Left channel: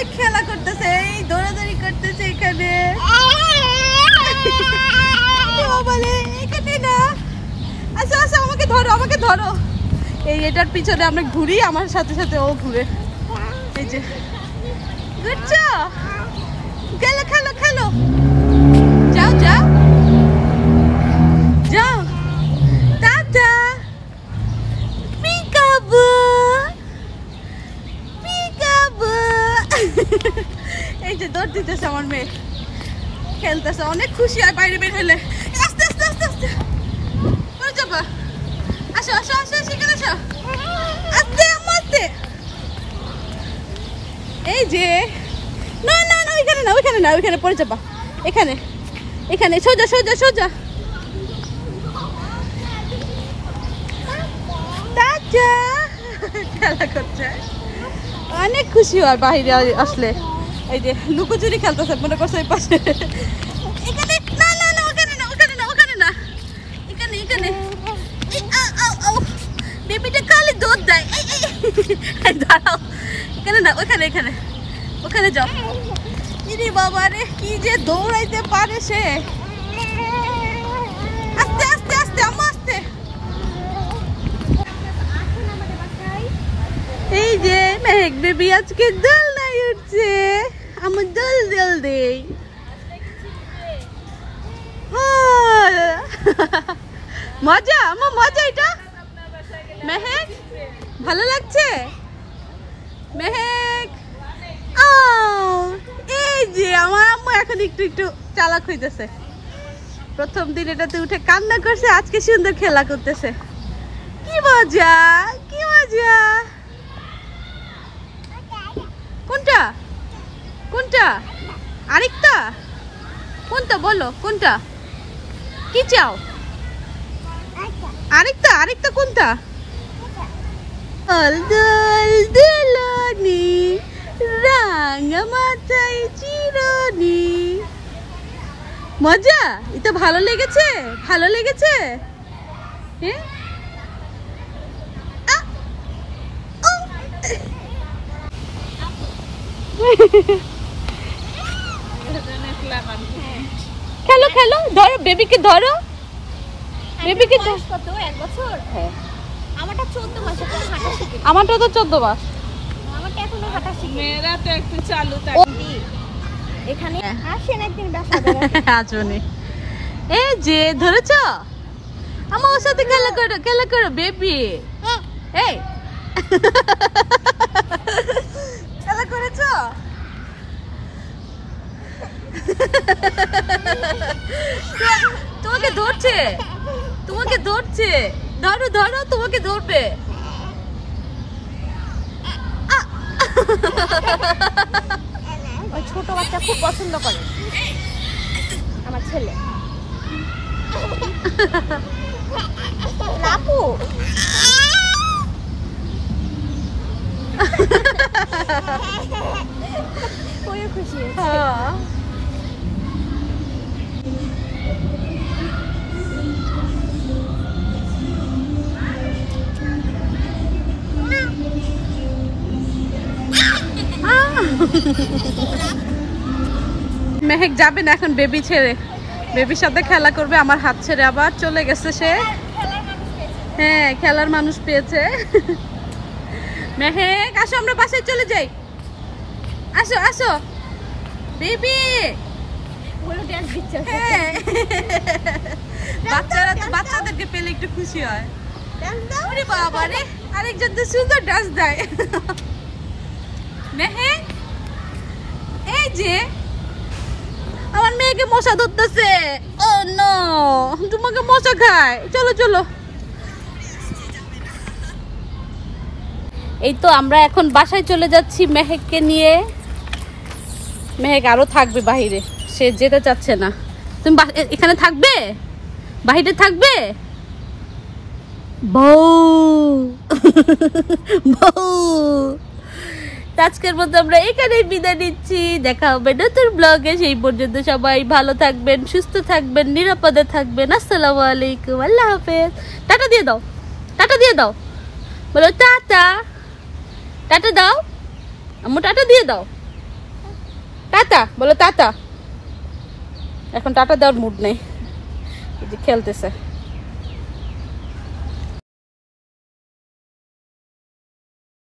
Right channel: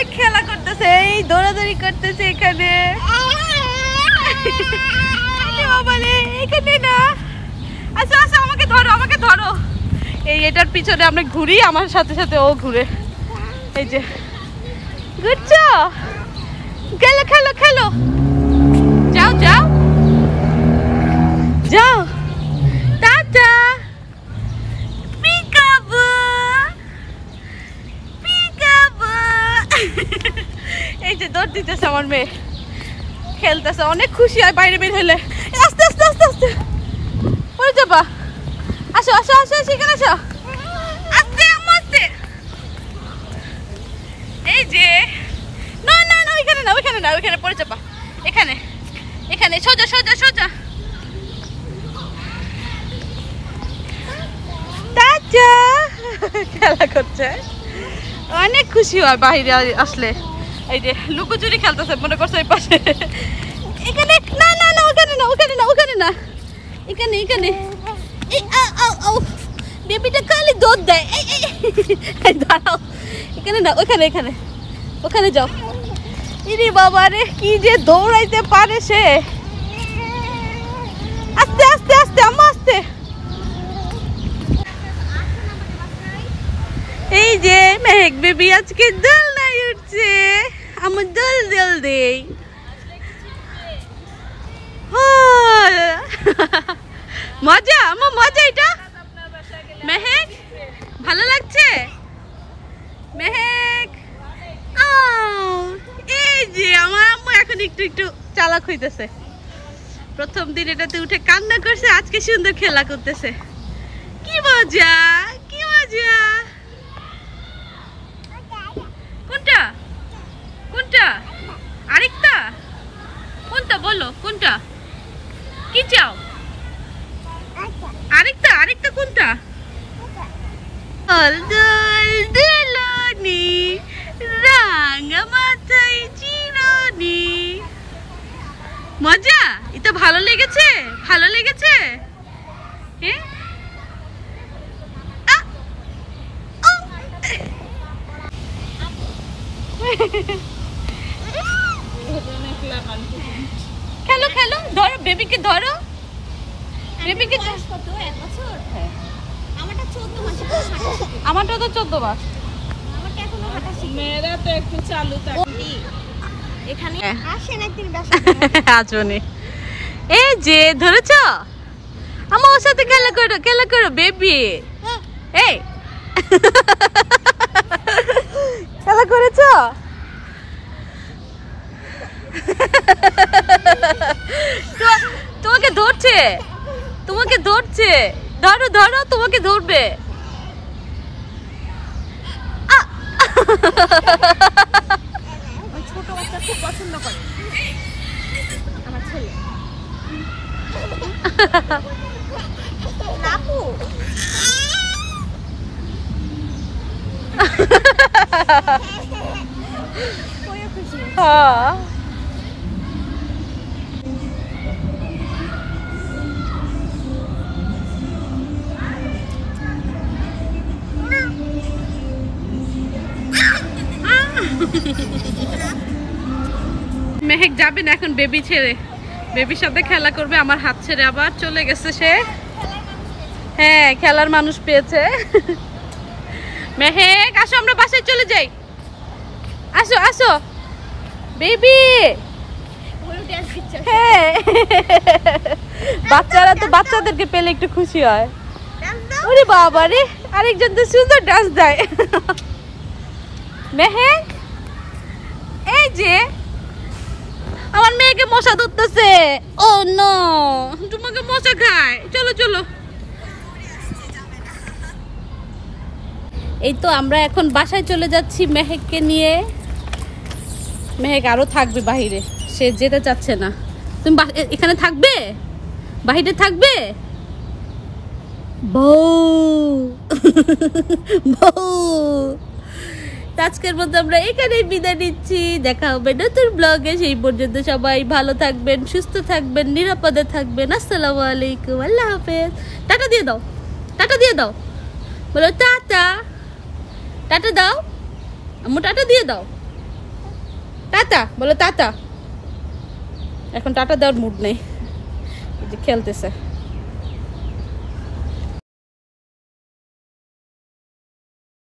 অনেক খেলা করতেছে, এই দৌড়াদৌড়ি করতেছে এখানে। এখানে না, আচ্ছা আচ্ছা আমাকে ধরো, আমাকে ধরো। এই এটার পিছনে আমরা ঘুরি, আমার সাথে সাথে ও ঘুরে। এই যে ঘুরছো, খেলো খেলো খেলো, যাও যাও যাও, টাটা। Peekaboo peekaboo. এই যে দৌড় দিতেছে আমার মেয়ে, খেলতেছে, অনেক খুশি হয় বাইরে বের হলে। আস্তে আস্তে আস্তে আস্তে পড়ে যাবা। আসো আসো আসো, সেখানে আসো, আস্তে আস্তে। এই যে না না না, ওইখানে না ওইখানে না, ওইখানে পড়ে যাবা। এখানে এখানে সোজা সোজা সোজা। খেলা করছে, অনেক খুশি হয় বাইরে আসলে। এই যে লুকোচুরি খেলতেছে, মনে করছে এই পাশে। এখানে না না না, ওখানে না ওখানে না ওখানে না, এখানে এখানে। বেবিটা খালি দৌড় দেয়। এই দাঁড়াও, এখানে না ওখানে, এখানে ওখানে যাও। ইরে বাবা রে, কি যে দৌড়াইতে পারে সে। আস্তে আস্তে আস্তে আম্মা, আস্তে। এই যে মেহেক বেবি আজকে দোলনায় উঠছে, আমার দোল দোল দেই। মজা আমার, মজা এটা। মেহেক ভালো লাগছে? মেহেক এই যে আমার আম্মু এখন একটু একটু চালাক হইতেছে। প্রথম দিন এটাতে উঠে কান্না করছে, আজকে সুন্দর খেলা করতেছে। কি মজা, কি মজা। কোনটা কোনটা? আরেকটা কোনটা বলো, কোনটা কি চাও? আরেকটা, আরেকটা কোনটা? দোল দোল দোলনি, রাঙা মাথায় চিরনি। মজা, এটা ভালো লেগেছে? ভালো লেগেছে? হ্যাঁ, খেলো খেলো, ধরো বেবিকে, ধরো বেবিকে। আমারটা তো 14 মাস। মেয়েরা তো একটু চালু থাকে। এখানে আসেন একদিন আসবেন। এই যে ধরেছ, আমার সাথে খেলা করো, খেলা করো বেবি। এই খেলা করেছ? তোমাকে ধরছে, তোমাকে ধরছে। ধরো ধরো, তোমাকে ধরবে। ছোট বাচ্চা খুব পছন্দ করে আমার ছেলে। মেহেক যাবে না এখন বেবি ছেড়ে, বেবির সাথে খেলা করবে। আমার হাত ছেড়ে আবার চলে গেছে সে। হ্যাঁ, খেলার মানুষ পেয়েছে। মেহেক আসো, আমরা বাসায় চলে যাই। আসো আসো বেবি। হ্যাঁ, বাচ্চারা তো বাচ্চাদেরকে পেলে একটু খুশি হয়। ওরে বাবা রে, আরেকজন তো সুন্দর ডান্স দেয়। মেহেক এই যে আমার মেয়েকে মশা ধরতেছে। ও নো, তোমাকে মশা খায়। চলো চলো। এই তো আমরা এখন বাসায় চলে যাচ্ছি মেহেককে নিয়ে। মেহেক আরো থাকবে বাহিরে, সে যেতে চাচ্ছে না। তুমি এখানে থাকবে, বাহিরে থাকবে? বউ বউ। আজকের মতো আমরা এখানেই বিদায় নিচ্ছি। দেখা হবে নতুন ব্লগে। সেই পর্যন্ত সবাই ভালো থাকবেন, সুস্থ থাকবেন, নিরাপদে থাকবেন। আসসালামু আলাইকুম, আল্লাহ হাফেজ। টাটা দিয়ে দাও, টাটা দিয়ে দাও, বলো টাটা। টাটা দাও আম্মু, টাটা দিয়ে দাও। টাটা বলো, টাটা। এখন টাটা দেওয়ার মুড নেই, খেলতেছে।